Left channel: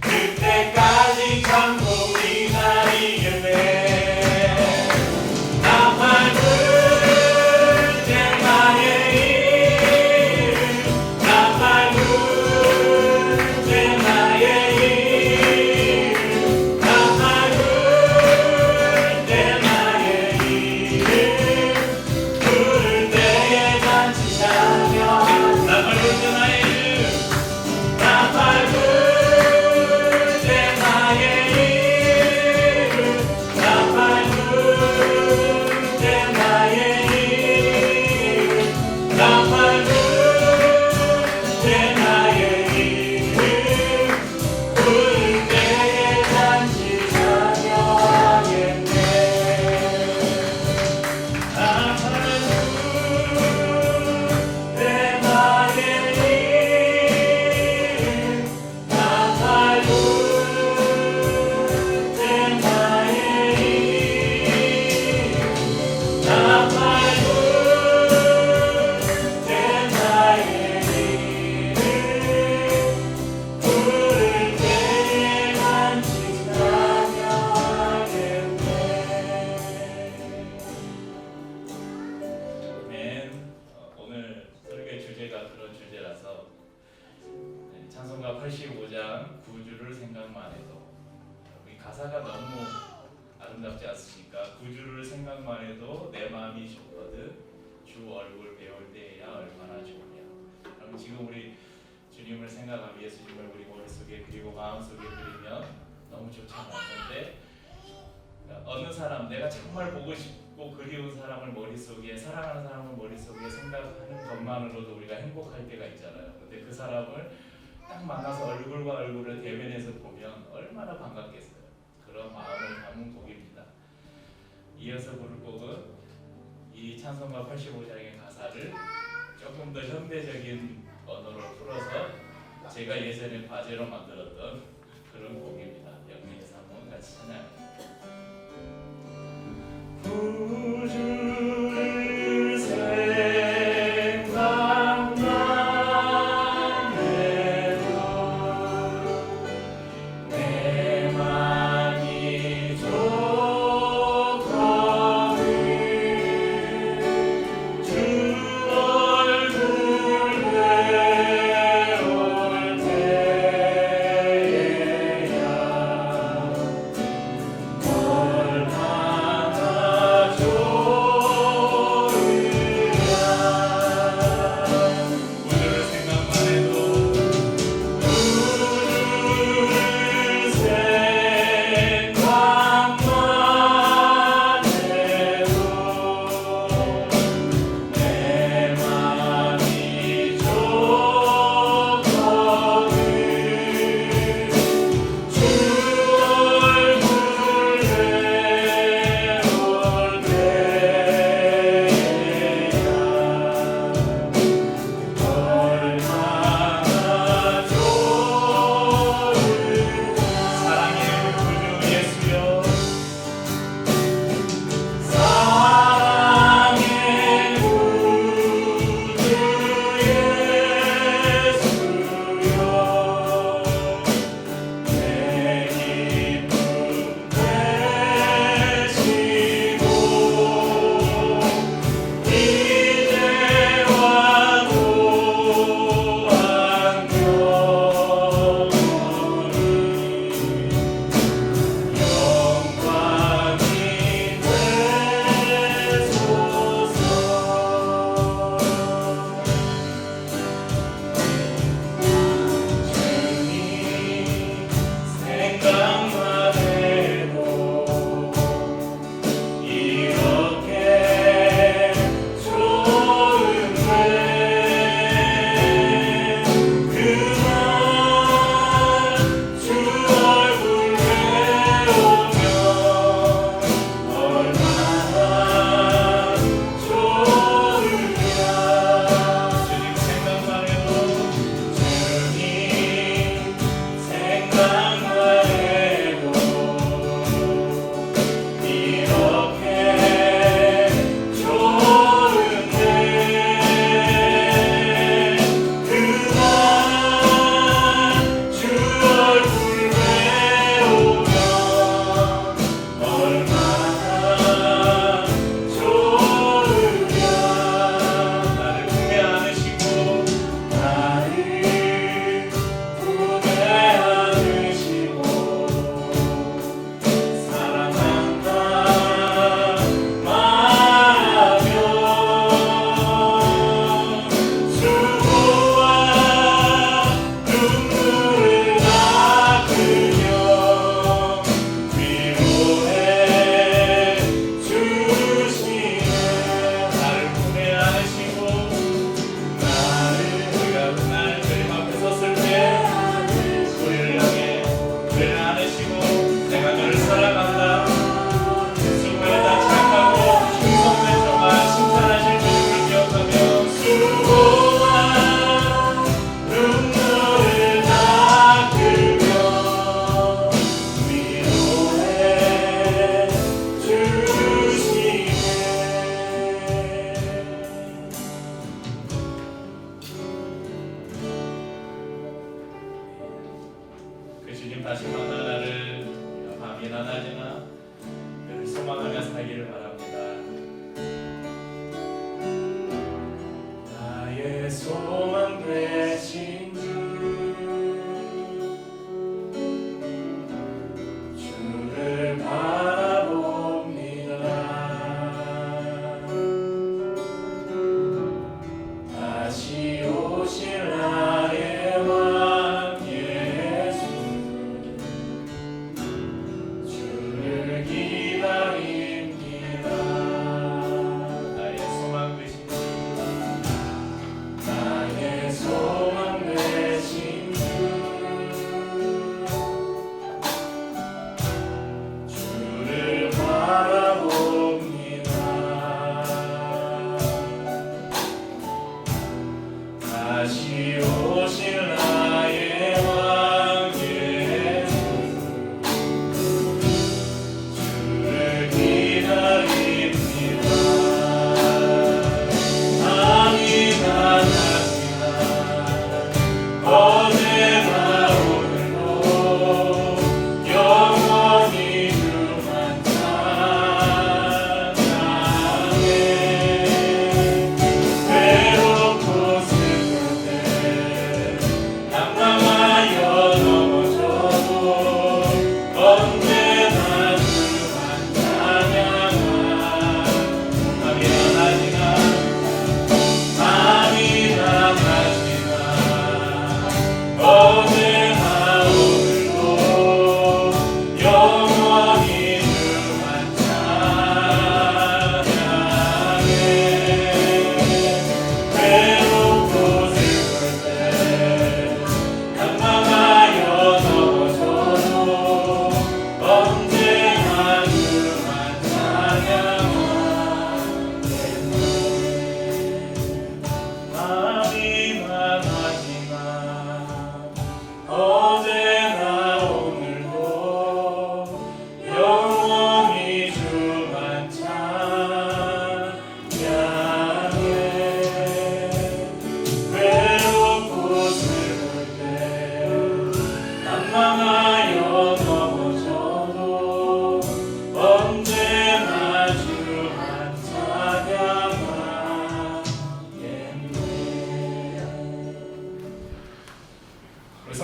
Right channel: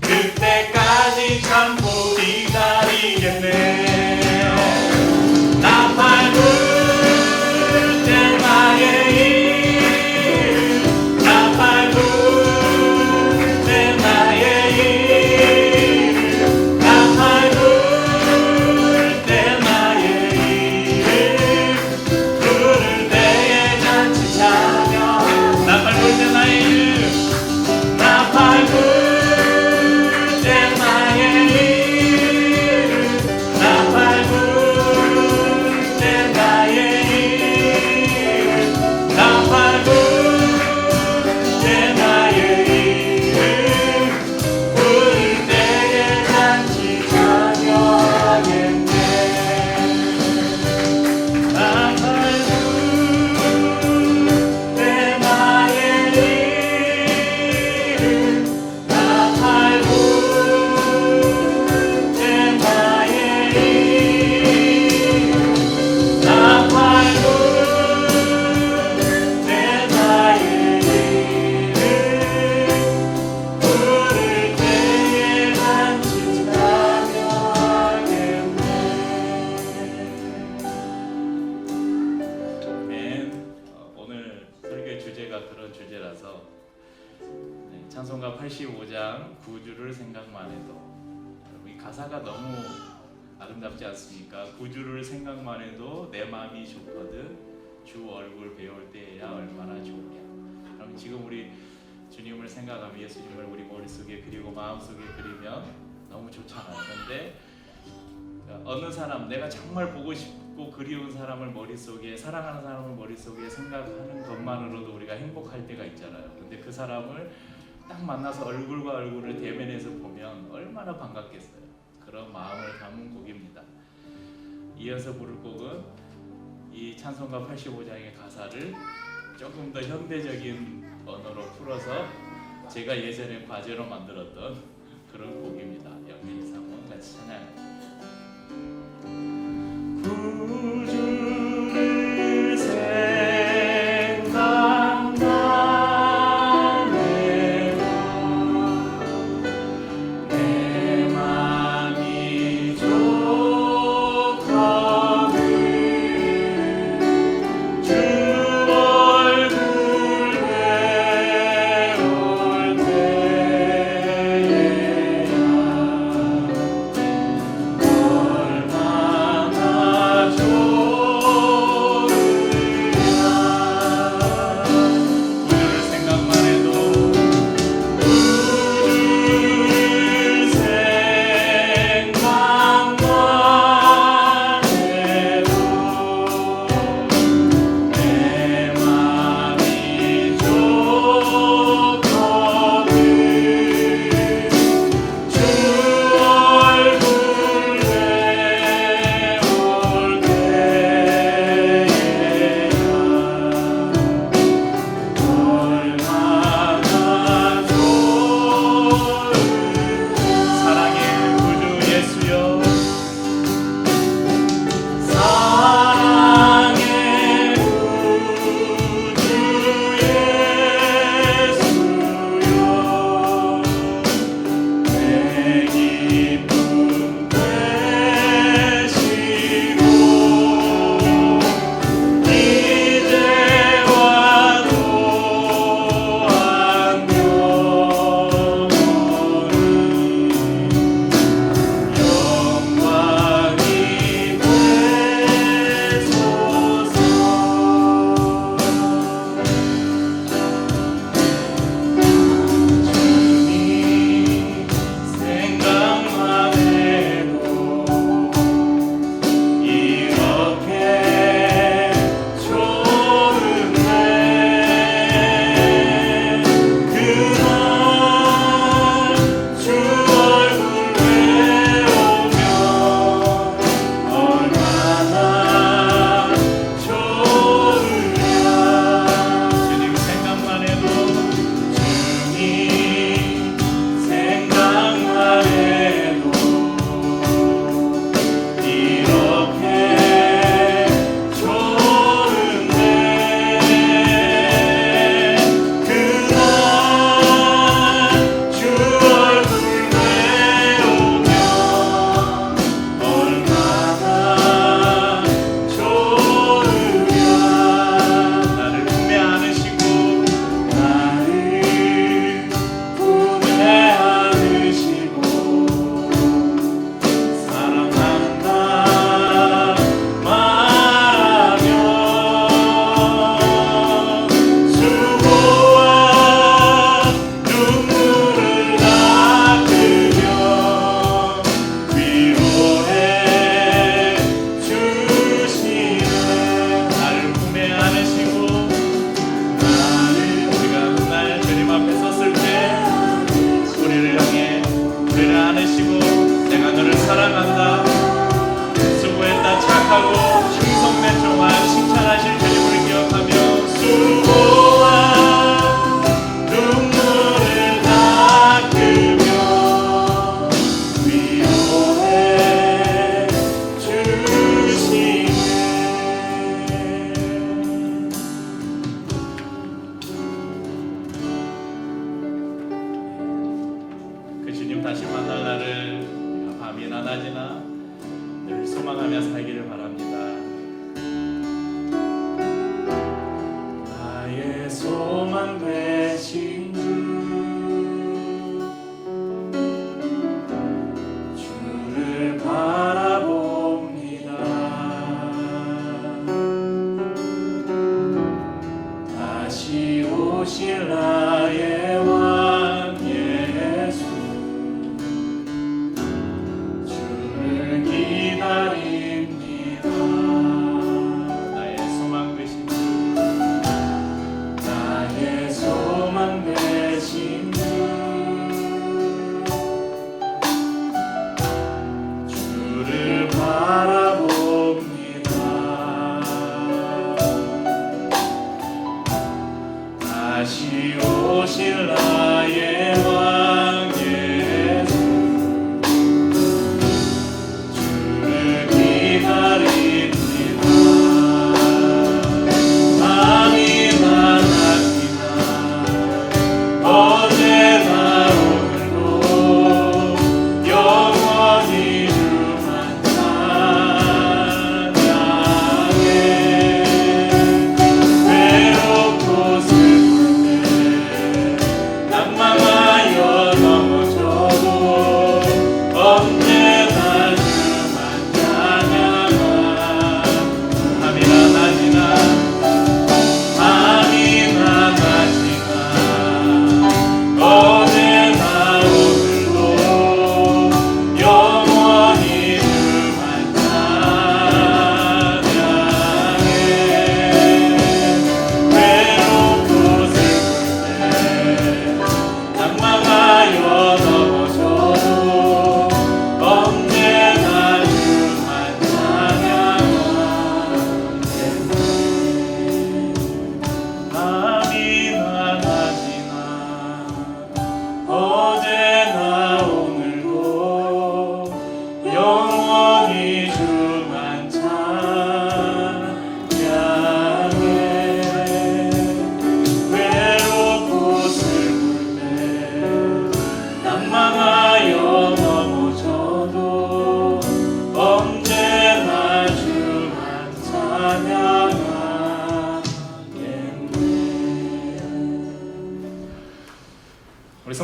그때까지 참고 기다리겠네. 찬송가 85장 구주를 생각만 해도, 이 가사가 너무 아름답지 않습니까? 구주를 생각만 해도 내 마음이 좋거든 주 얼굴 배울 때야 얼마나 좋으냐. 그럼 지금 우리 주님을 생각하며 예수님을 우리 머릿속에 그리고 마음속에 그리면 너무 좋잖아요. 그런데 어느 사람, 내가 정말 보고 싶고 그리운 사람을 머릿속에, 사랑하는 사람을 머릿속에 생각하는 것만으로도 우리가 행복할 때가 있잖아요. 근데 그 사람을 딱 만나서 얼굴과 얼굴을 대면해서 보면 얼마나 반갑겠어요. 그런 마음을 담은 곡입니다. 이어서 부를 곡은 이 찬송가 85장의 가사를 조금 더 현대적인 언어로 풀어서 제가 예전에 과제로 만들었던 그런 곡입니다. 영민이 한번 같이 찬양합니다. 구주를 생각만 해도 내 맘이 좋거든 주 얼굴 배울 때에야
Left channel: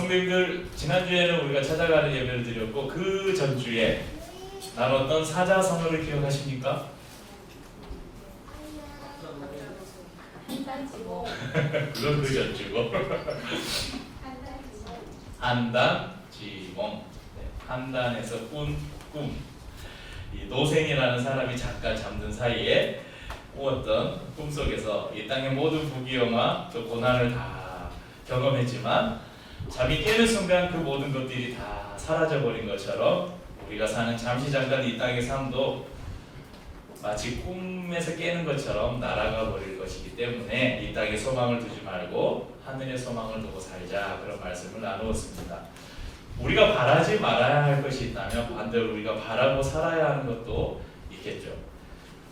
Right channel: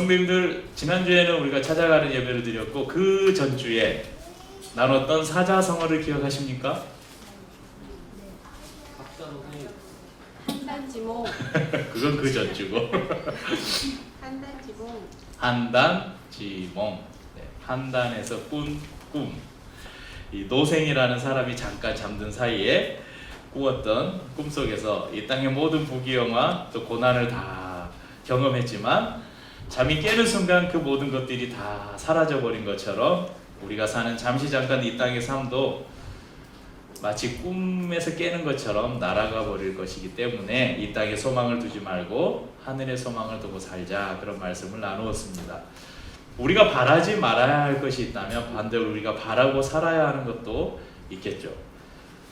성도님들 지난주에는 우리가 찾아가는 예배를 드렸고 그 전주에 나눴던 사자성어를 기억하십니까? 한단지몽. 그건 그 전주고 한단지몽. 한단지몽. 네, 한단에서 꿈. 이 노생이라는 사람이 잠깐 잠든 사이에 꾸었던 꿈속에서 이 땅의 모든 부귀영화 또 고난을 다 경험했지만 잠이 깨는 순간 그 모든 것들이 다 사라져버린 것처럼 우리가 사는 잠시 잠깐 이 땅의 삶도 마치 꿈에서 깨는 것처럼 날아가 버릴 것이기 때문에 이 땅에 소망을 두지 말고 하늘의 소망을 두고 살자, 그런 말씀을 나누었습니다. 우리가 바라지 말아야 할 것이 있다면 반대로 우리가 바라고 살아야 하는 것도 있겠죠.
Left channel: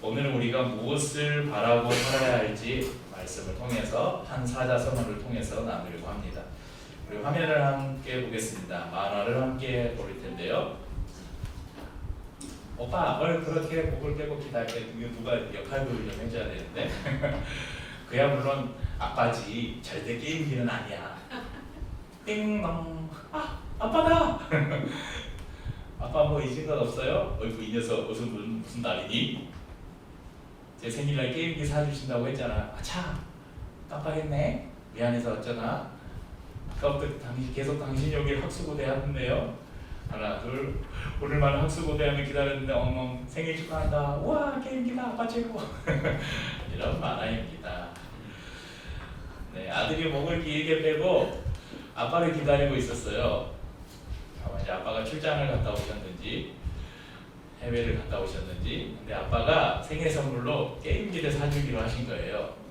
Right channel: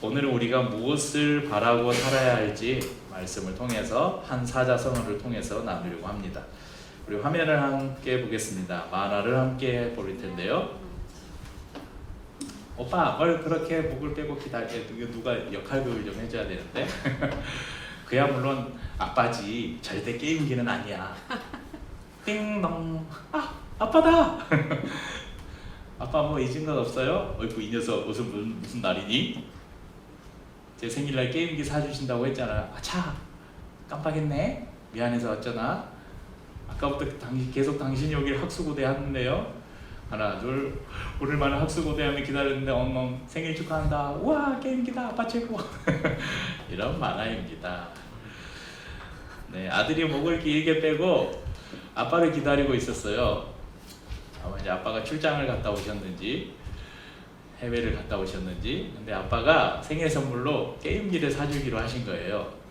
오늘은 우리가 무엇을 바라고 살아야 할지 말씀을 통해서 한 사자성어를 통해서 나누려고 합니다. 우리 화면을 함께 보겠습니다. 만화를 함께 볼 텐데요. 오빠 뭘 그렇게 목을 빼고 기다려? 누가 역할극을 좀 해줘야 되는데 그야 물론 아빠지 절대 게임기는 아니야. 띵동. 아빠다. 아빠 뭐 잊은 건 없어요? 어이구 이 녀석 무슨 날이니? 제 생일날 게임기 사주신다고 했잖아. 아차 깜빡했네. 미안해서 어쩌나. 아까부터 계속 당신이 오길 학수고대 하는데요. 하나 둘 오늘만은 학수고대하며 기다렸는데 엉엉 생일 축하한다. 우와 게임기다 아빠 최고. 이런 만화입니다. 네, 아들이 목을 길게 빼고 아빠를 기다리고 있었어요. 아마 이제 아빠가 출장을 갔다 오셨는지 해외를 갔다 오셨는지, 근데 아빠가 생일 선물로 게임기를 사주기로 하신 거예요.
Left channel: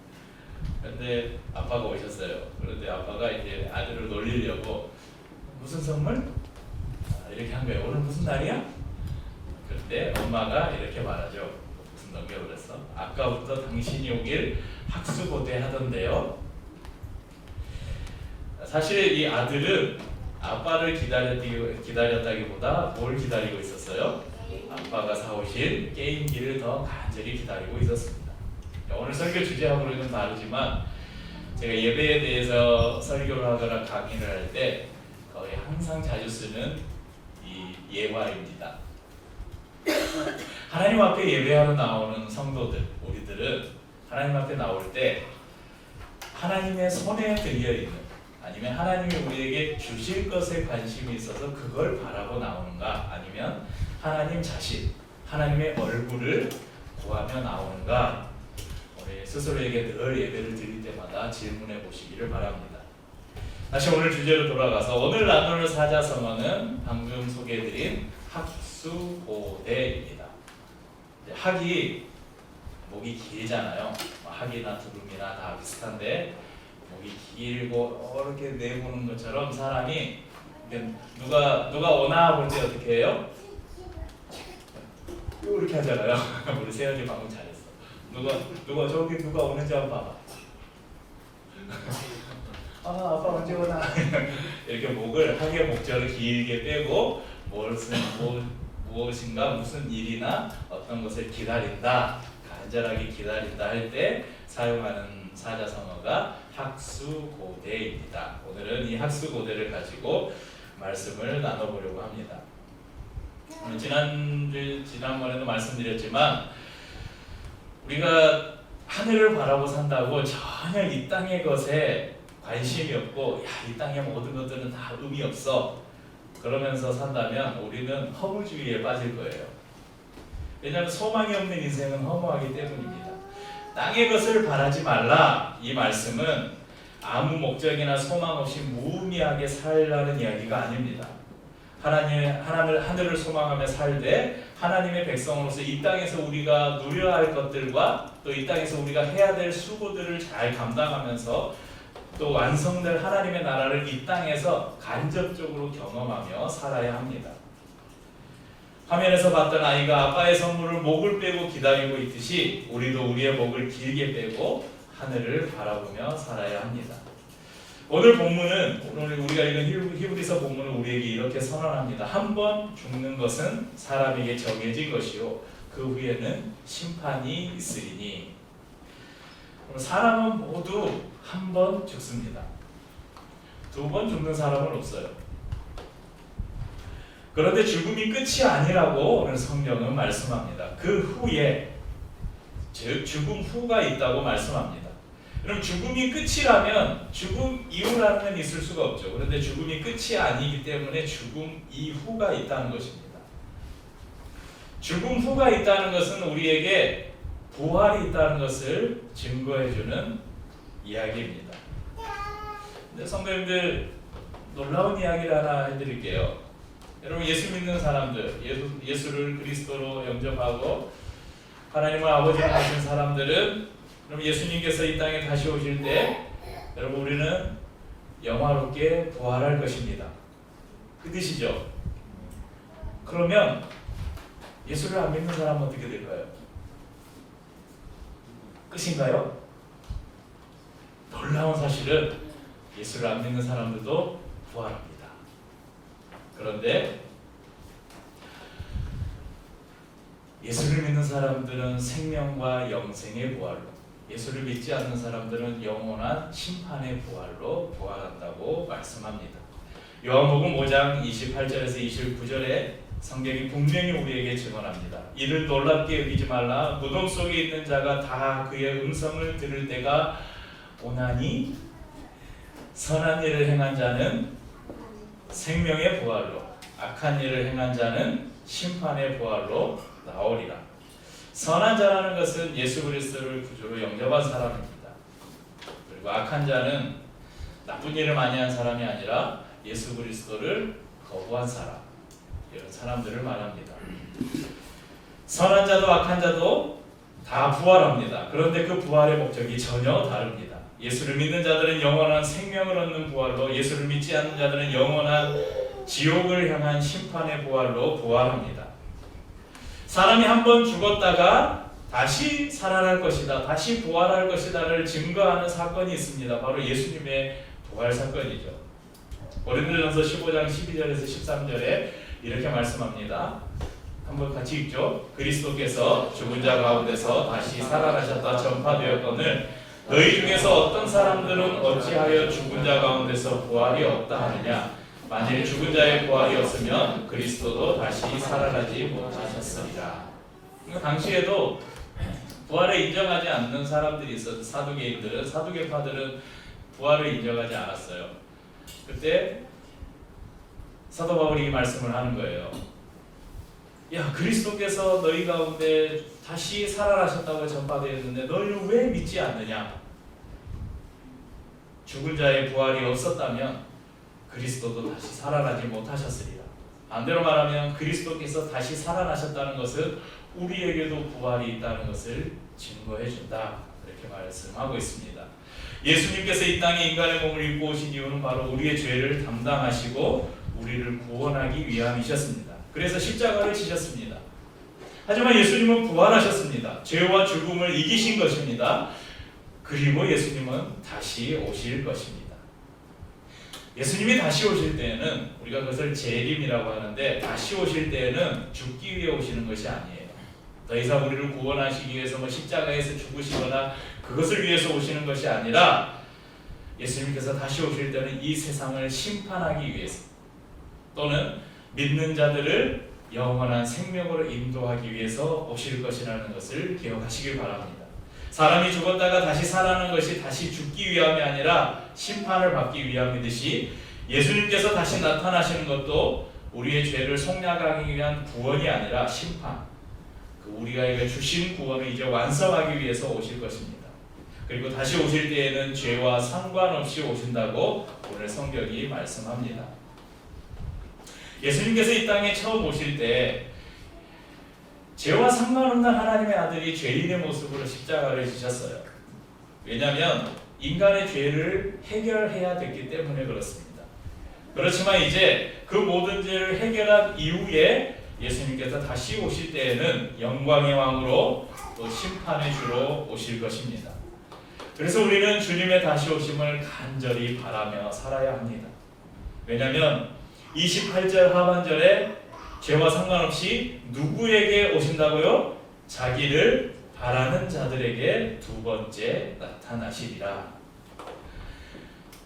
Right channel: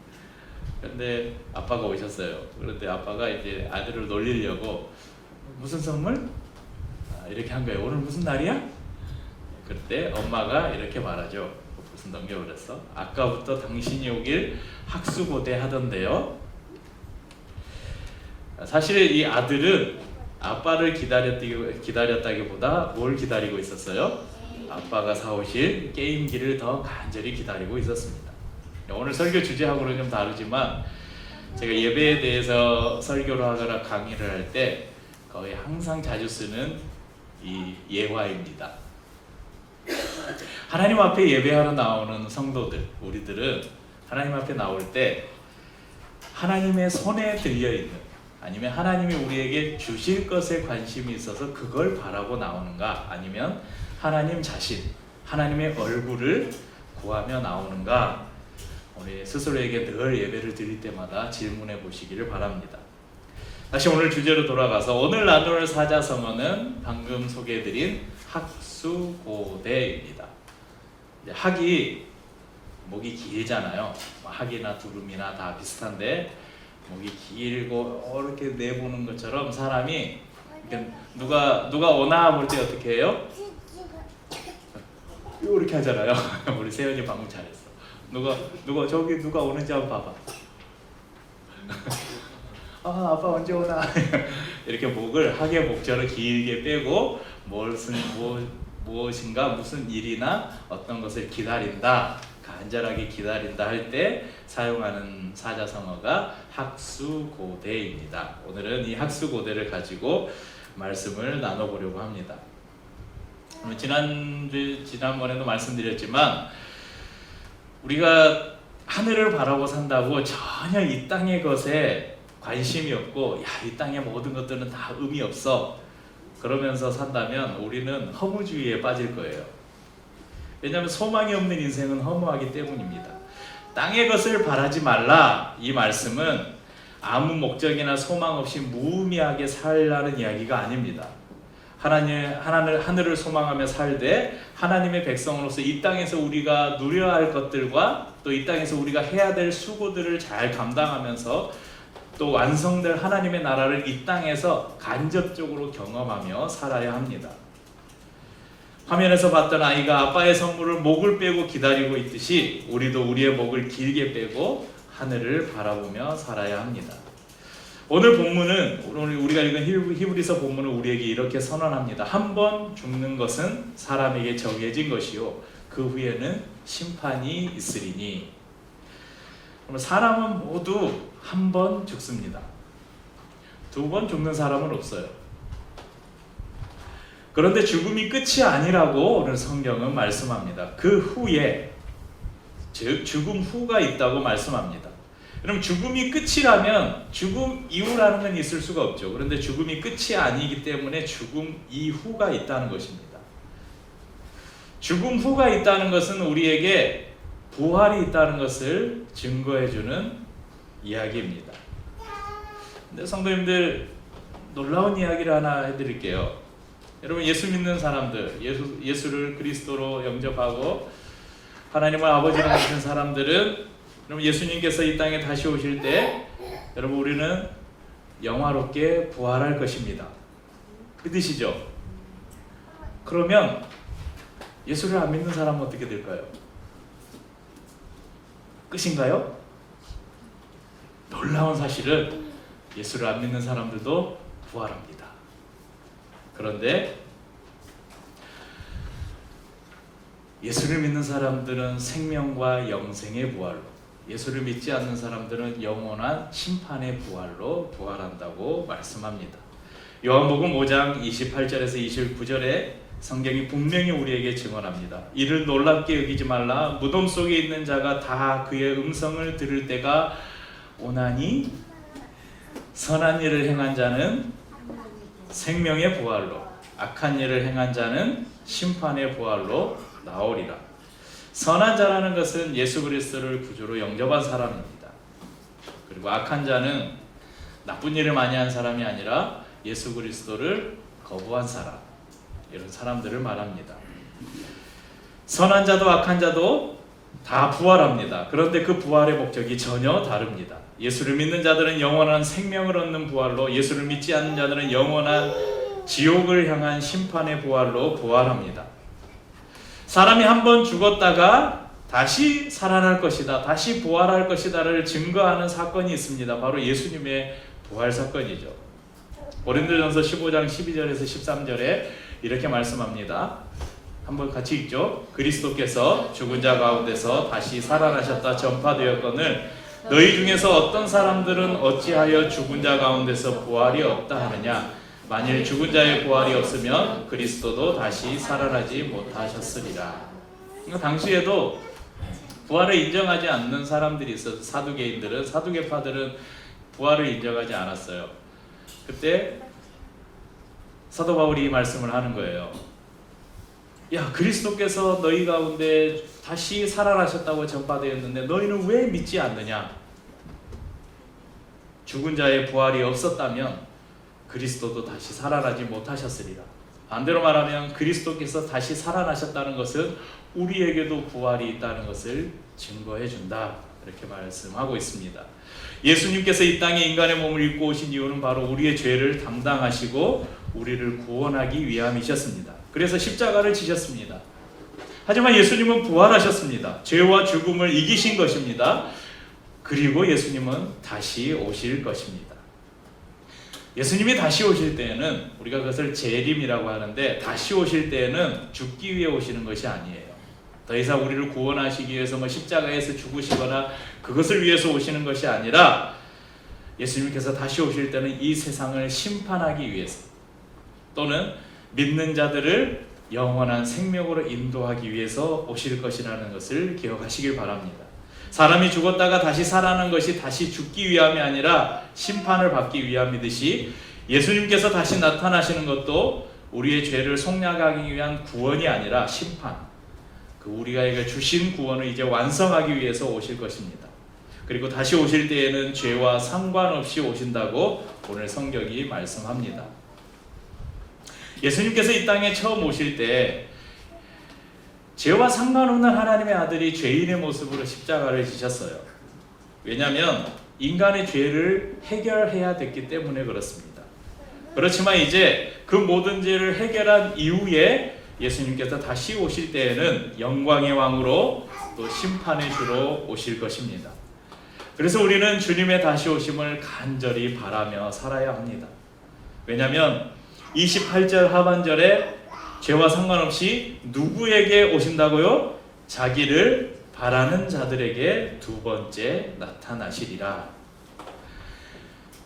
그런데 아빠가 오셨어요. 그런데 아빠가 이제 아들을 놀리려고 무슨 선물? 이렇게 한 거예요. 오늘 무슨 날이야? 그때 엄마가 이렇게 말하죠. 무슨 넘겨버렸어? 아까부터 당신이 오길 학수고대 하던데요. 사실 이 아들은 아빠를 기다렸다기보다 뭘 기다리고 있었어요? 아빠가 사오실 게임기를 더 간절히 기다리고 있었습니다. 오늘 설교 주제하고는 좀 다르지만 제가 예배에 대해서 설교를 하거나 강의를 할 때 거의 항상 자주 쓰는 이 예화입니다. 하나님 앞에 예배하러 나오는 성도들, 우리들은 하나님 앞에 나올 때 하나님의 손에 들려있는, 아니면 하나님이 우리에게 주실 것에 관심이 있어서 그걸 바라고 나오는가, 아니면 하나님 자신, 하나님의 얼굴을 구하며 나오는가, 우리 스스로에게 늘 예배를 드릴 때마다 질문해 보시기를 바랍니다. 다시 오늘 주제로 돌아가서 오늘 나눌 사자성어는 방금 소개해드린 학수고대입니다. 학이 목이 길잖아요. 학이나 두루미나 다 비슷한데 목이 길고 이렇게 내보는 것처럼 사람이 누가 오나 볼 때 어떻게 해요? 이렇게 하잖아요. 우리 세연이 방금 잘했어. 누가 오는지 한번 봐봐. 아빠 언제 오나. 이렇게 목을 학의 목젖을 길게 빼고 무엇인가 무슨 일이나 어떤 것을 기다린다, 간절하게 기다린다 할 때 사용하는 사자성어가 학수고대입니다. 오늘은 이 학수고대를 가지고 말씀을 나눠보려고 합니다. 지난번에도 말씀드렸지만 우리가 하늘을 바라고 산다고 전혀 이 땅의 것에 관심이 없고 이 땅의 모든 것들은 다 의미 없어 그러면서 산다면 우리는 허무주의에 빠질 거예요. 왜냐하면 소망이 없는 인생은 허무하기 때문입니다. 땅의 것을 바라지 말라, 이 말씀은 아무 목적이나 소망 없이 무의미하게 살라는 이야기가 아닙니다. 하늘을 소망하며 살되 하나님의 백성으로서 이 땅에서 우리가 누려야 할 것들과 또 이 땅에서 우리가 해야 될 수고들을 잘 감당하면서 또 완성될 하나님의 나라를 이 땅에서 간접적으로 경험하며 살아야 합니다. 화면에서 봤던 아이가 아빠의 선물을 목을 빼고 기다리고 있듯이 우리도 우리의 목을 길게 빼고 하늘을 바라보며 살아야 합니다. 오늘 본문은, 오늘 우리가 읽은 히브리서 본문은 우리에게 이렇게 선언합니다. 한 번 죽는 것은 사람에게 정해진 것이요 그 후에는 심판이 있으리니. 사람은 모두 한 번 죽습니다. 두 번 죽는 사람은 없어요. 그런데 죽음이 끝이 아니라고 오늘 성경은 말씀합니다. 그 후에 죽음 후가 있다고 말씀합니다. 그럼 죽음이 끝이라면 죽음 이후라는 건 있을 수가 없죠. 그런데 죽음이 끝이 아니기 때문에 죽음 이후가 있다는 것입니다. 죽음 후가 있다는 것은 우리에게 부활이 있다는 것을 증거해주는 이야기입니다. 근데 성도님들, 놀라운 이야기를 하나 해드릴게요. 여러분, 예수 믿는 사람들, 예수를 그리스도로 영접하고 하나님을 아버지로 모신 사람들은, 여러분, 예수님께서 이 땅에 다시 오실 때 여러분, 우리는 영화롭게 부활할 것입니다. 믿으시죠? 그러면 예수를 안 믿는 사람은 어떻게 될까요? 끝인가요? 놀라운 사실은 예수를 안 믿는 사람들도 부활합니다. 그런데 예수를 믿는 사람들은 생명과 영생의 부활로, 예수를 믿지 않는 사람들은 영원한 심판의 부활로 부활한다고 말씀합니다. 요한복음 5장 28절에서 29절에 성경이 분명히 우리에게 증언합니다. 이를 놀랍게 여기지 말라. 무덤 속에 있는 자가 다 그의 음성을 들을 때가 오나니 선한 일을 행한 자는 생명의 부활로, 악한 일을 행한 자는 심판의 부활로 나오리라. 선한 자라는 것은 예수 그리스도를 구주로 영접한 사람입니다. 그리고 악한 자는 나쁜 일을 많이 한 사람이 아니라 예수 그리스도를 거부한 사람, 이런 사람들을 말합니다. 선한 자도 악한 자도 다 부활합니다. 그런데 그 부활의 목적이 전혀 다릅니다. 예수를 믿는 자들은 영원한 생명을 얻는 부활로, 예수를 믿지 않는 자들은 영원한 지옥을 향한 심판의 부활로 부활합니다. 사람이 한번 죽었다가 다시 살아날 것이다, 다시 부활할 것이다를 증거하는 사건이 있습니다. 바로 예수님의 부활 사건이죠. 고린도전서 15장 12절에서 13절에 이렇게 말씀합니다. 한번 같이 읽죠. 그리스도께서 죽은 자 가운데서 다시 살아나셨다 전파되었거늘 너희 중에서 어떤 사람들은 어찌하여 죽은 자 가운데서 부활이 없다 하느냐. 만일 죽은 자의 부활이 없으면 그리스도도 다시 살아나지 못하셨으리라. 당시에도 부활을 인정하지 않는 사람들이 있어서 사두개파들은 부활을 인정하지 않았어요. 그때 사도 바울이 이 말씀을 하는 거예요. 야, 그리스도께서 너희 가운데 다시 살아나셨다고 전파되었는데 너희는 왜 믿지 않느냐? 죽은 자의 부활이 없었다면 그리스도도 다시 살아나지 못하셨으리라. 반대로 말하면 그리스도께서 다시 살아나셨다는 것은 우리에게도 부활이 있다는 것을 증거해 준다, 이렇게 말씀하고 있습니다. 예수님께서 이 땅에 인간의 몸을 입고 오신 이유는 바로 우리의 죄를 담당하시고 우리를 구원하기 위함이셨습니다. 그래서 십자가를 지셨습니다. 하지만 예수님은 부활하셨습니다. 죄와 죽음을 이기신 것입니다. 그리고 예수님은 다시 오실 것입니다. 예수님이 다시 오실 때에는 우리가 그것을 재림이라고 하는데, 다시 오실 때에는 죽기 위해 오시는 것이 아니에요. 더 이상 우리를 구원하시기 위해서 십자가에서 죽으시거나 그것을 위해서 오시는 것이 아니라, 예수님께서 다시 오실 때는 이 세상을 심판하기 위해서, 또는 믿는 자들을 영원한 생명으로 인도하기 위해서 오실 것이라는 것을 기억하시길 바랍니다. 사람이 죽었다가 다시 살아나는 것이 다시 죽기 위함이 아니라 심판을 받기 위함이듯이, 예수님께서 다시 나타나시는 것도 우리의 죄를 속량하기 위한 구원이 아니라 심판, 우리가 주신 구원을 이제 완성하기 위해서 오실 것입니다. 그리고 다시 오실 때에는 죄와 상관없이 오신다고 오늘 성경이 말씀합니다. 예수님께서 이 땅에 처음 오실 때 죄와 상관없는 하나님의 아들이 죄인의 모습으로 십자가를 지셨어요. 왜냐하면 인간의 죄를 해결해야 됐기 때문에 그렇습니다. 그렇지만 이제 그 모든 죄를 해결한 이후에 예수님께서 다시 오실 때에는 영광의 왕으로 또 심판의 주로 오실 것입니다. 그래서 우리는 주님의 다시 오심을 간절히 바라며 살아야 합니다. 왜냐하면 28절 하반절에 죄와 상관없이 누구에게 오신다고요? 자기를 바라는 자들에게 두 번째 나타나시리라.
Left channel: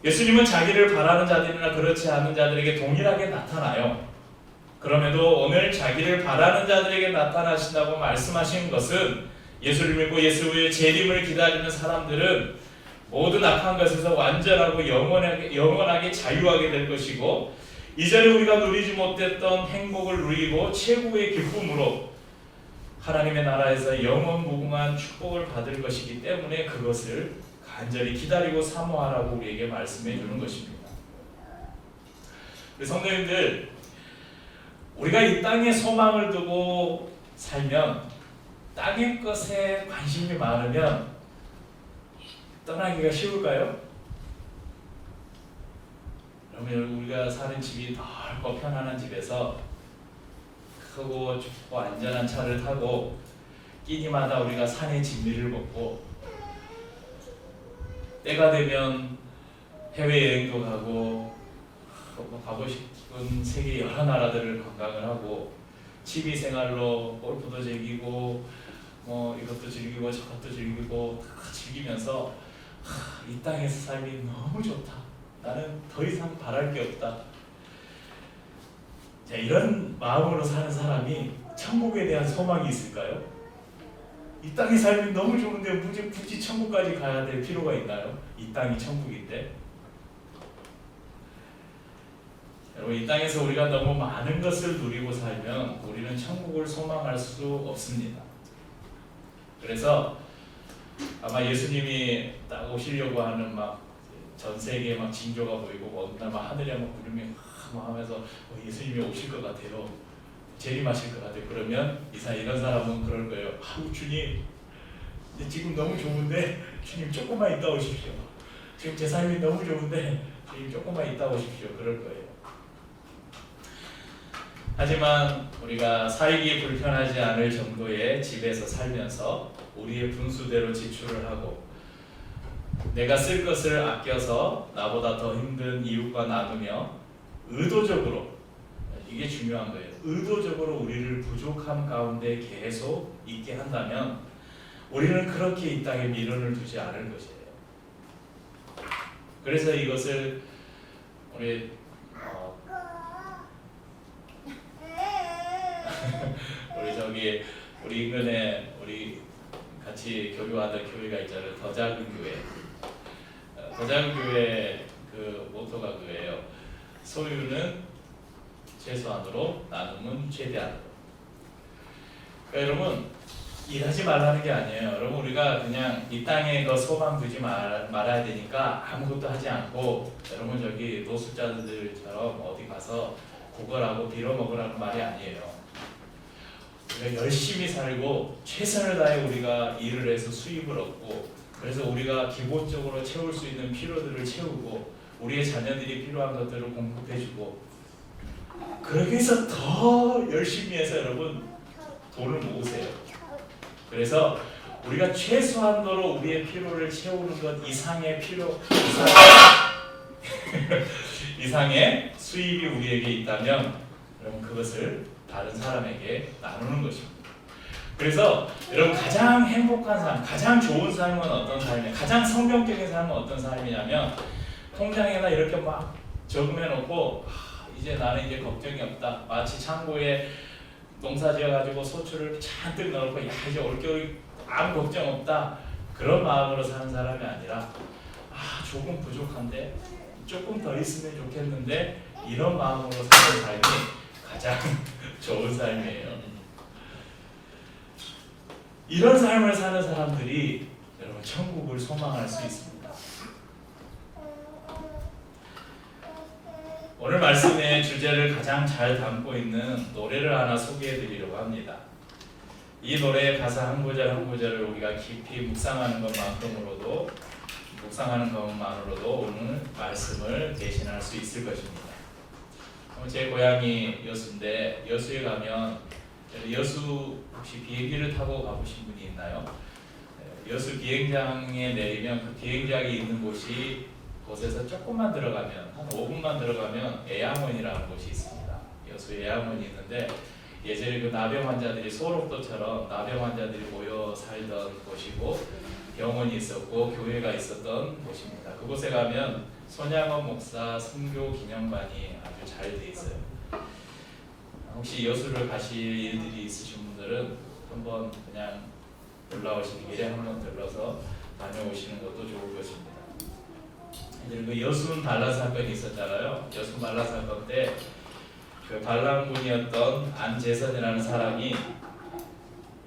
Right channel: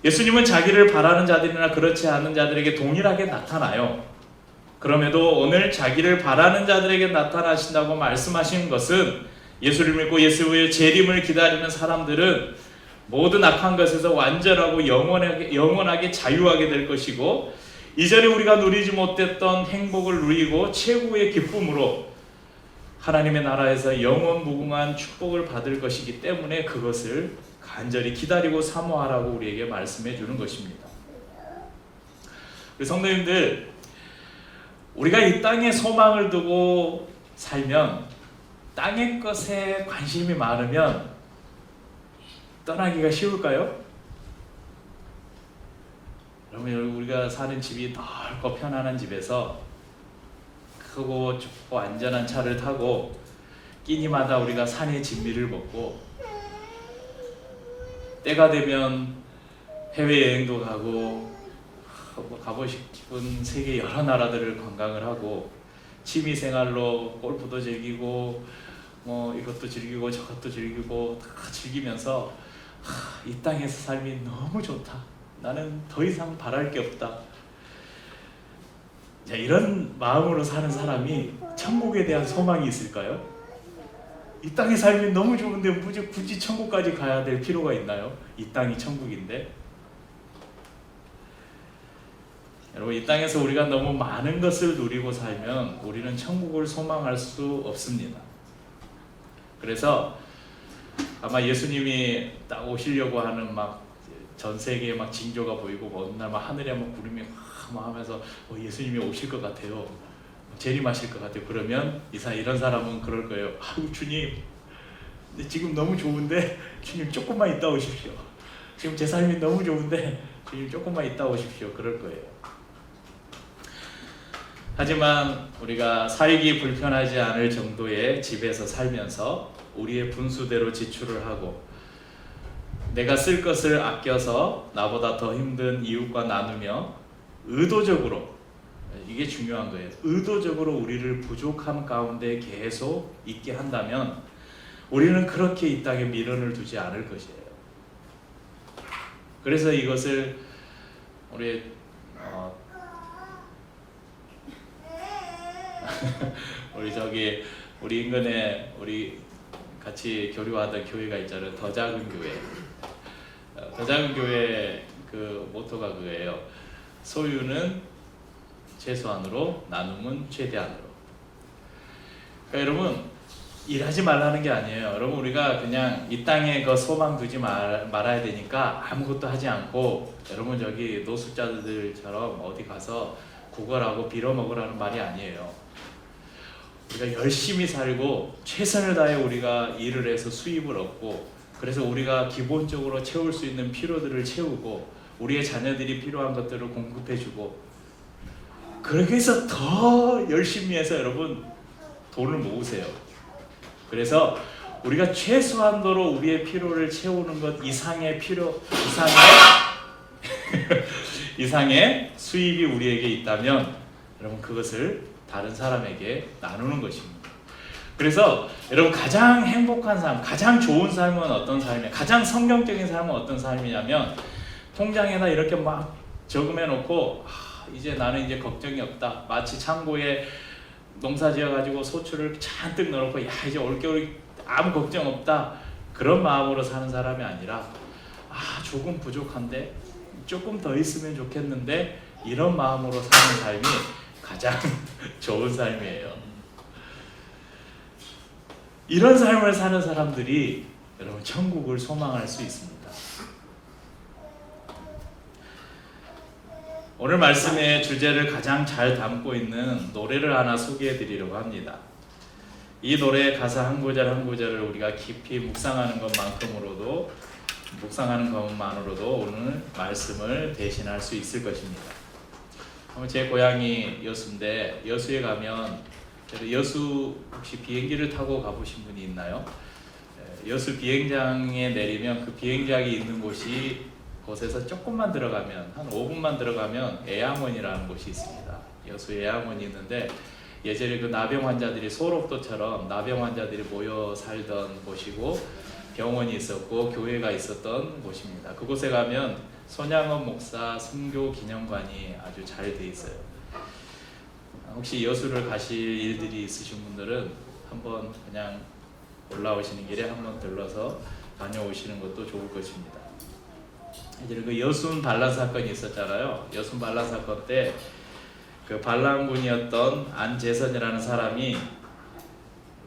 예수님은 자기를 바라는 자들이나 그렇지 않은 자들에게 동일하게 나타나요. 그럼에도 오늘 자기를 바라는 자들에게 나타나신다고 말씀하신 것은 예수를 믿고 예수의 재림을 기다리는 사람들은 모든 악한 것에서 완전하고 영원하게 자유하게 될 것이고, 이전에 우리가 누리지 못했던 행복을 누리고 최고의 기쁨으로 하나님의 나라에서 영원 무궁한 축복을 받을 것이기 때문에 그것을 간절히 기다리고 사모하라고 우리에게 말씀해 주는 것입니다. 우리 성도님들, 우리가 이 땅에 소망을 두고 살면, 땅의 것에 관심이 많으면 떠나기가 쉬울까요? 여러분, 우리가 사는 집이 넓고 편안한 집에서 크고 좁고 안전한 차를 타고 끼니마다 우리가 산의 진미를 먹고, 때가 되면 해외여행도 가고 가고 싶은 세계 여러 나라들을 관광을 하고, 취미생활로 골프도 즐기고 이것도 즐기고 저것도 즐기고 다 즐기면서 이 땅에서 삶이 너무 좋다, 나는 더 이상 바랄 게 없다, 자, 이런 마음으로 사는 사람이 천국에 대한 소망이 있을까요? 이 땅의 삶이 너무 좋은데 굳이 천국까지 가야 될 필요가 있나요? 이 땅이 천국인데. 여러분, 이 땅에서 우리가 너무 많은 것을 누리고 살면 우리는 천국을 소망할 수 없습니다. 그래서 아마 예수님이 딱 오시려고 하는 전 세계에 징조가 보이고 어느 날 하늘에 구름이 하면서 예수님이 오실 것 같아요, 재림하실 것 같아요. 그러면 이런 사람은 그럴 거예요. 아유, 주님, 지금 너무 좋은데 주님 조금만 있다 오십시오. 지금 제 삶이 너무 좋은데 주님 조금만 있다 오십시오. 그럴 거예요. 하지만 우리가 살기 불편하지 않을 정도의 집에서 살면서 우리의 분수대로 지출을 하고, 내가 쓸 것을 아껴서 나보다 더 힘든 이웃과 나누며 의도적으로, 이게 중요한 거예요, 의도적으로 우리를 부족함 가운데 계속 있게 한다면 우리는 그렇게 이 땅에 미련을 두지 않을 것이에요. 그래서 이것을 우리 우리 인근에 우리 같이 교류하던 교회가 있잖아요. 더 작은 교회. 더 작은 교회 그 모토가 그거예요. 소유는 최소한으로, 나눔은 최대한으로. 그러니까 여러분, 일하지 말라는 게 아니에요. 여러분, 우리가 그냥 이 땅에 그 소망 두지 말아야 되니까 아무것도 하지 않고, 여러분 노숙자들처럼 어디 가서 구걸하고 빌어먹으라는 말이 아니에요. 우리가 열심히 살고 최선을 다해 우리가 일을 해서 수입을 얻고, 그래서 우리가 기본적으로 채울 수 있는 필요들을 채우고, 우리의 자녀들이 필요한 것들을 공급해주고, 그렇게 해서 더 열심히 해서 여러분 돈을 모으세요. 그래서 우리가 최소한도로 우리의 필요를 채우는 것 이상의 이상의 수입이 우리에게 있다면 여러분 그것을 다른 사람에게 나누는 것입니다. 그래서 여러분, 가장 행복한 삶, 가장 좋은 삶은 어떤 삶이냐, 가장 성경적인 삶은 어떤 삶이냐면, 통장에다 이렇게 저금해 놓고 나는 이제 걱정이 없다, 마치 창고에 농사 지어가지고 소출을 잔뜩 넣어놓고 이제 올겨울 아무 걱정 없다, 그런 마음으로 사는 사람이 아니라 조금 부족한데 조금 더 있으면 좋겠는데, 이런 마음으로 사는 삶이 가장 좋은 삶이에요. 이런 삶을 사는 사람들이 여러분 천국을 소망할 수 있습니다. 오늘 말씀의 주제를 가장 잘 담고 있는 노래를 하나 소개해 드리려고 합니다. 이 노래의 가사 한 구절 한 구절을 우리가 깊이 묵상하는 것만으로도 오늘 말씀을 대신할 수 있을 것입니다. 제 고향이 여수인데, 여수에 가면, 여수 혹시 비행기를 타고 가보신 분이 있나요? 여수 비행장에 내리면 그 비행장이 있는 곳에서 조금만 들어가면, 한 5분만 들어가면 애양원이라는 곳이 있습니다. 여수 애양원이 있는데, 예전에 그 나병 환자들이, 소록도처럼 나병 환자들이 모여 살던 곳이고, 병원이 있었고 교회가 있었던 곳입니다. 그곳에 가면 손양원 목사 순교 기념관이 아주 잘 돼 있어요. 혹시 여수를 가실 일들이 있으신 분들은 한번 그냥 올라오시는 길에 한번 들러서 다녀오시는 것도 좋을 것입니다. 이제 그 여순 반란 사건이 있었잖아요. 여순 반란 사건 때 그 반란군이었던 안재선이라는 사람이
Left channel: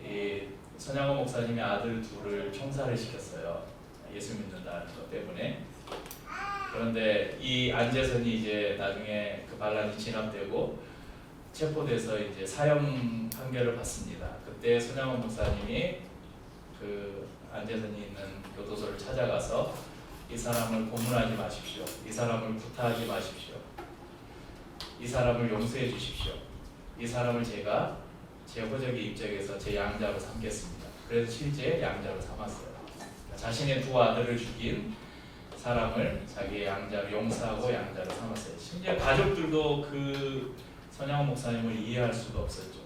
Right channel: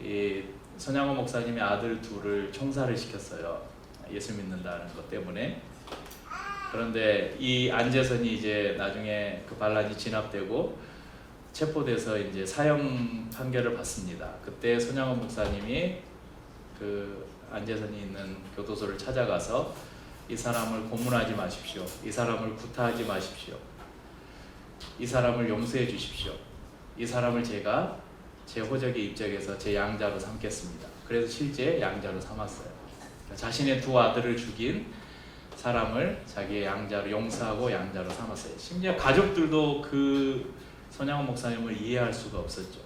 이 손양원 목사님의 아들 둘을 총살을 시켰어요. 예수 믿는다는 것 때문에. 그런데 이 안재선이 이제 나중에 그 반란이 진압되고 체포돼서 이제 사형 판결을 받습니다. 그때 손양원 목사님이 그 안재선이 있는 교도소를 찾아가서 이 사람을 고문하지 마십시오. 이 사람을 구타하지 마십시오. 이 사람을 용서해 주십시오. 이 사람을 제가 제 호적의 입적에서 제 양자로 삼겠습니다. 그래서 실제 양자로 삼았어요. 자신의 두 아들을 죽인 사람을 자기의 양자로 용서하고 양자로 삼았어요. 심지어 가족들도 그 손양원 목사님을 이해할 수가 없었죠.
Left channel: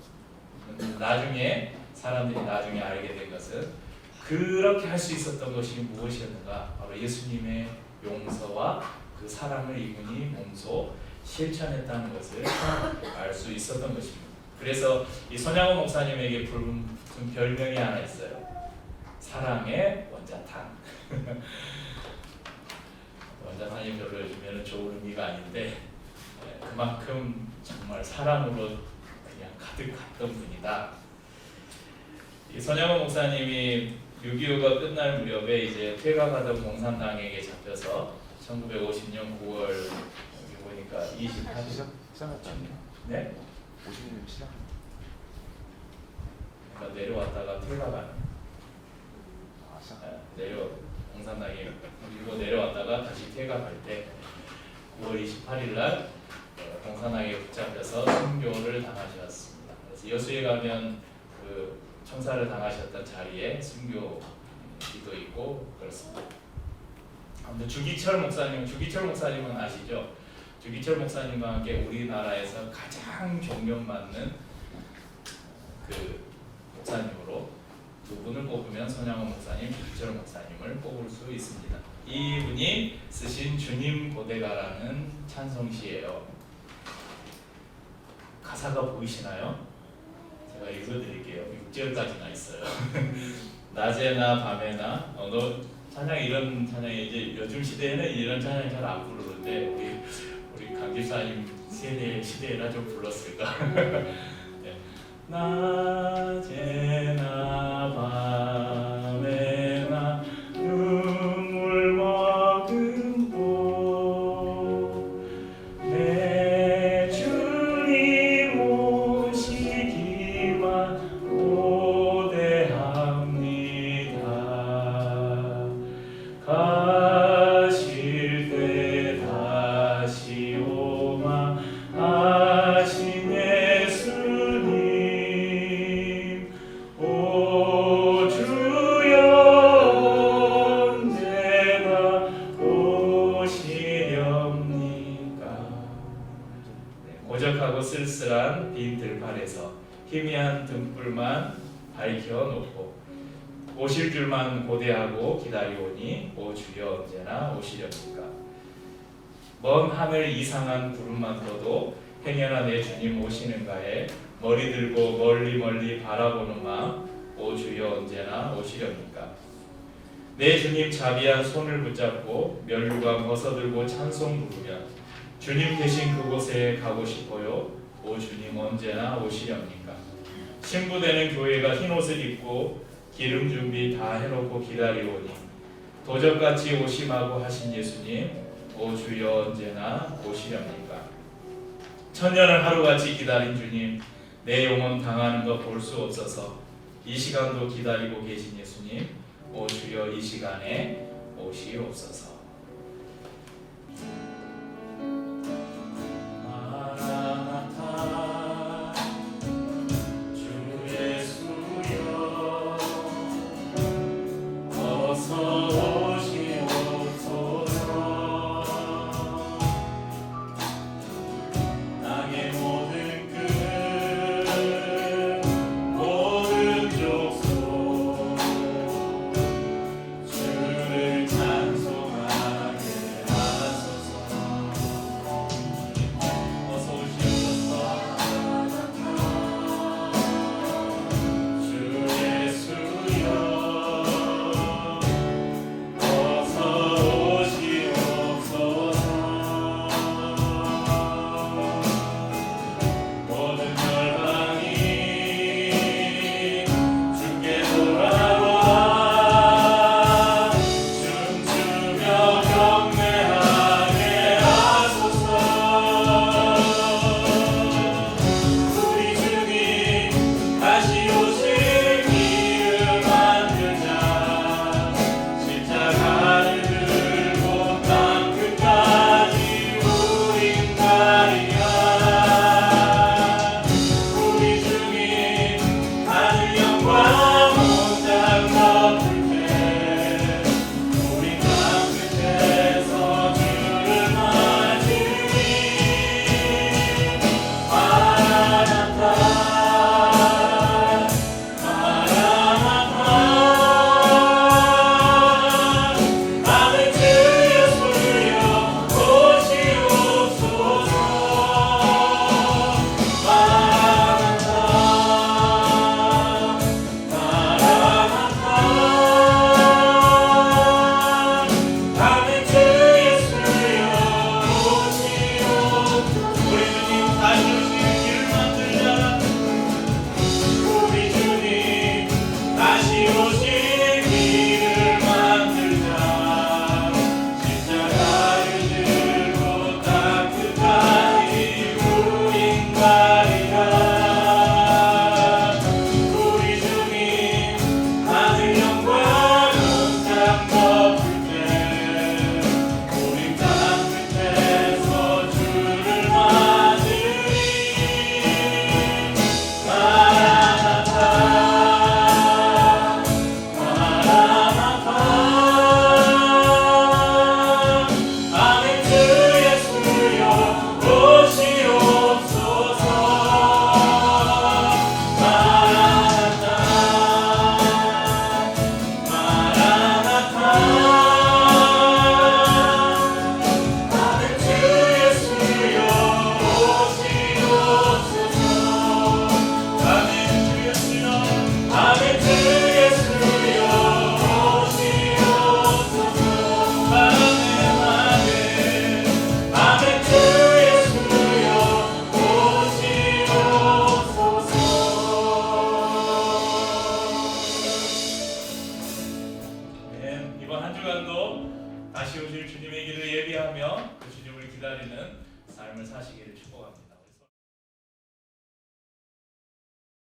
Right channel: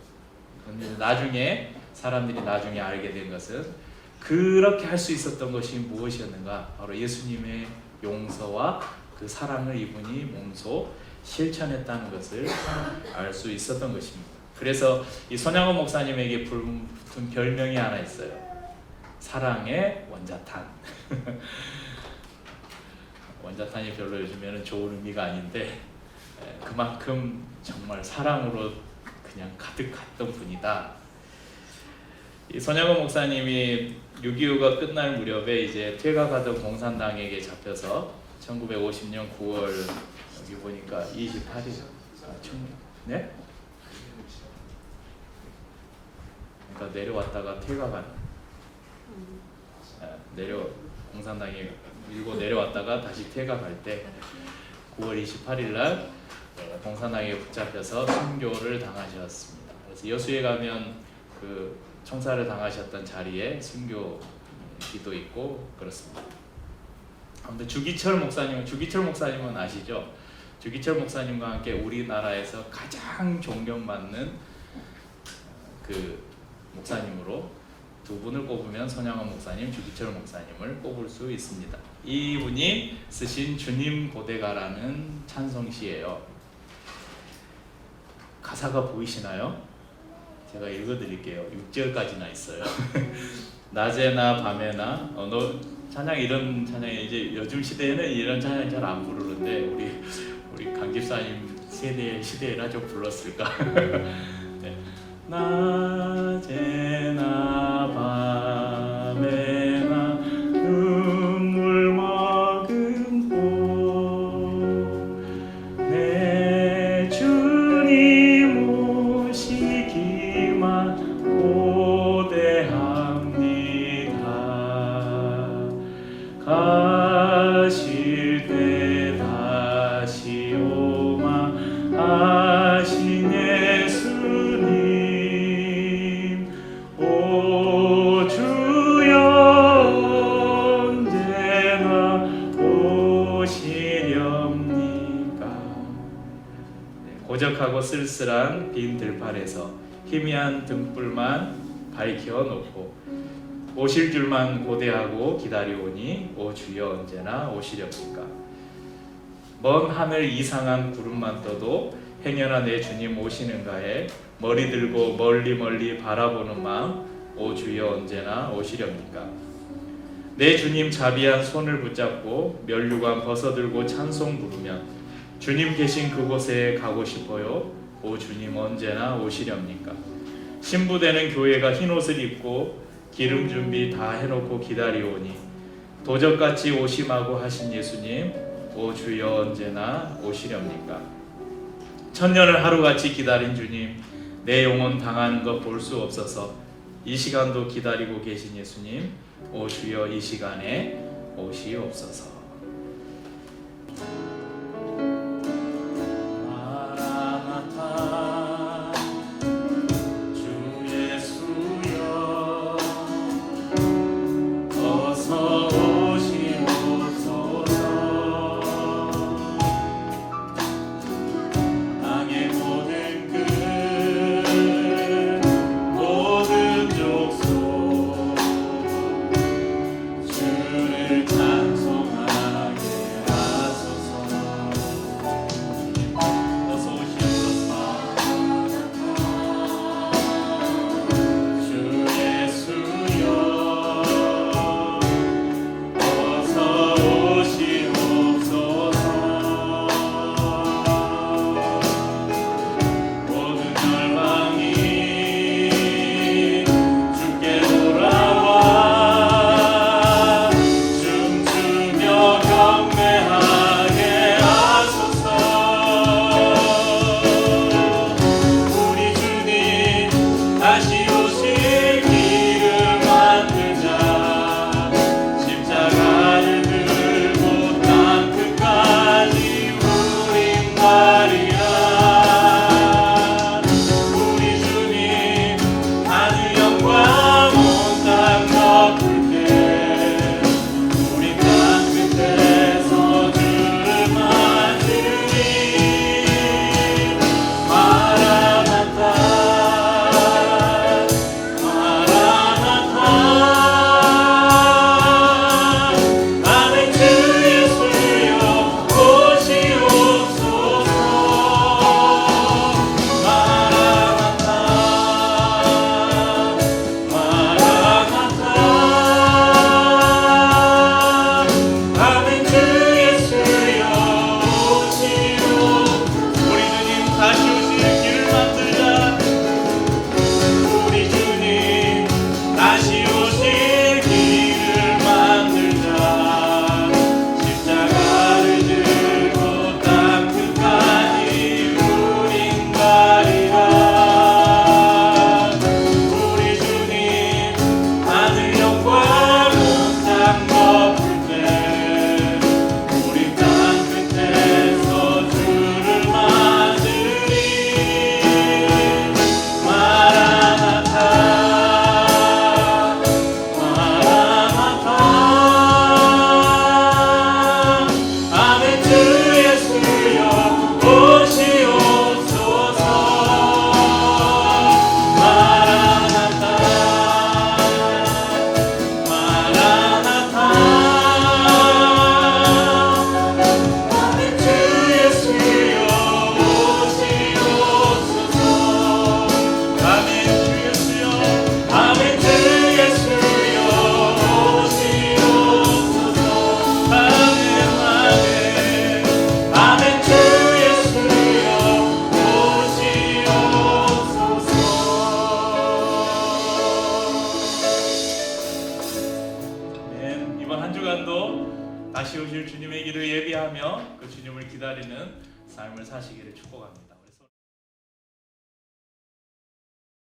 그런데 나중에 사람들이 나중에 알게 된 것은 그렇게 할 수 있었던 것이 무엇이었는가? 바로 예수님의 용서와 그 사랑을 이분이 몸소 실천했다는 것을 알 수 있었던 것입니다. 그래서 이 손양원 목사님에게 붙은 별명이 하나 있어요. 사랑의 원자탄. 원자탄이 별로 요즘에는 좋은 의미가 아닌데 그만큼 정말 사랑으로 그냥 가득했던 분이다. 이 손양원 목사님이 6.25가 끝날 무렵에 이제 퇴각하던 공산당에게 잡혀서 1950년 9월 여기 보니까 28일 네? 그러니까 내려왔다가 퇴각하는 공산당이 밀고 내려왔다가 다시 퇴각할 때 9월 28일 날 공산당에 붙잡혀서 순교를 당하셨습니다. 그래서 여수에 가면 그 총살을 당하셨던 자리에 순교기도 있고 그렇습니다. 아무튼 주기철 목사님은 아시죠? 주기철 목사님과 함께 우리나라에서 가장 존경받는 그 목사님으로 두 분을 뽑으면 손양원 목사님, 주기철 목사님을 뽑을 수 있습니다. 이분이 쓰신 주님 고대가라는 찬송시예요. 가사가 보이시나요? 제가 읽어드릴게요. 6절까지나 있어요. 낮에나 밤에나 너 찬양 이런 찬양이 이제 요즘 시대에는 이런 찬양 잘 안 부르는데 우리 강 집사님 세대 시대에나 좀 불렀을까? 네. 낮에나 밤에나 눈물 먹은 내 주님 오시기만 고대합니다. 가실 때 다시 오마 하신 예수님 오 주여 언제나 오시렵니까. 고적하고 쓸쓸한 빈 들판에서 희미한 등불만 밝혀놓고 오실 줄만 고대하고 기다리오니 오 주여 언제나 오시렵니까. 먼 하늘 이상한 구름만 떠도 행여나 내 주님 오시는가에 머리 들고 멀리 멀리 바라보는 마음 오 주여 언제나 오시렵니까. 내 주님 자비한 손을 붙잡고 면류관 벗어들고 찬송 부르면 주님 계신 그곳에 가고 싶어요. 오 주님 언제나 오시렵니까. 신부되는 교회가 흰옷을 입고 기름 준비 다 해놓고 기다리오니 도적같이 오심하고 하신 예수님 오 주여 언제나 오시렵니까. 천년을 하루같이 기다린 주님 내 영혼 당하는 것 볼 수 없어서 이 시간도 기다리고 계신 예수님 오 주여 이 시간에 오시옵소서. 아멘. 주 예수여 오시옵소서. 아멘. 이번 한 주간도 다시 오실 주님의 길을 예비하며 그 주님을 기다리는 삶을 사시기를 축복합니다.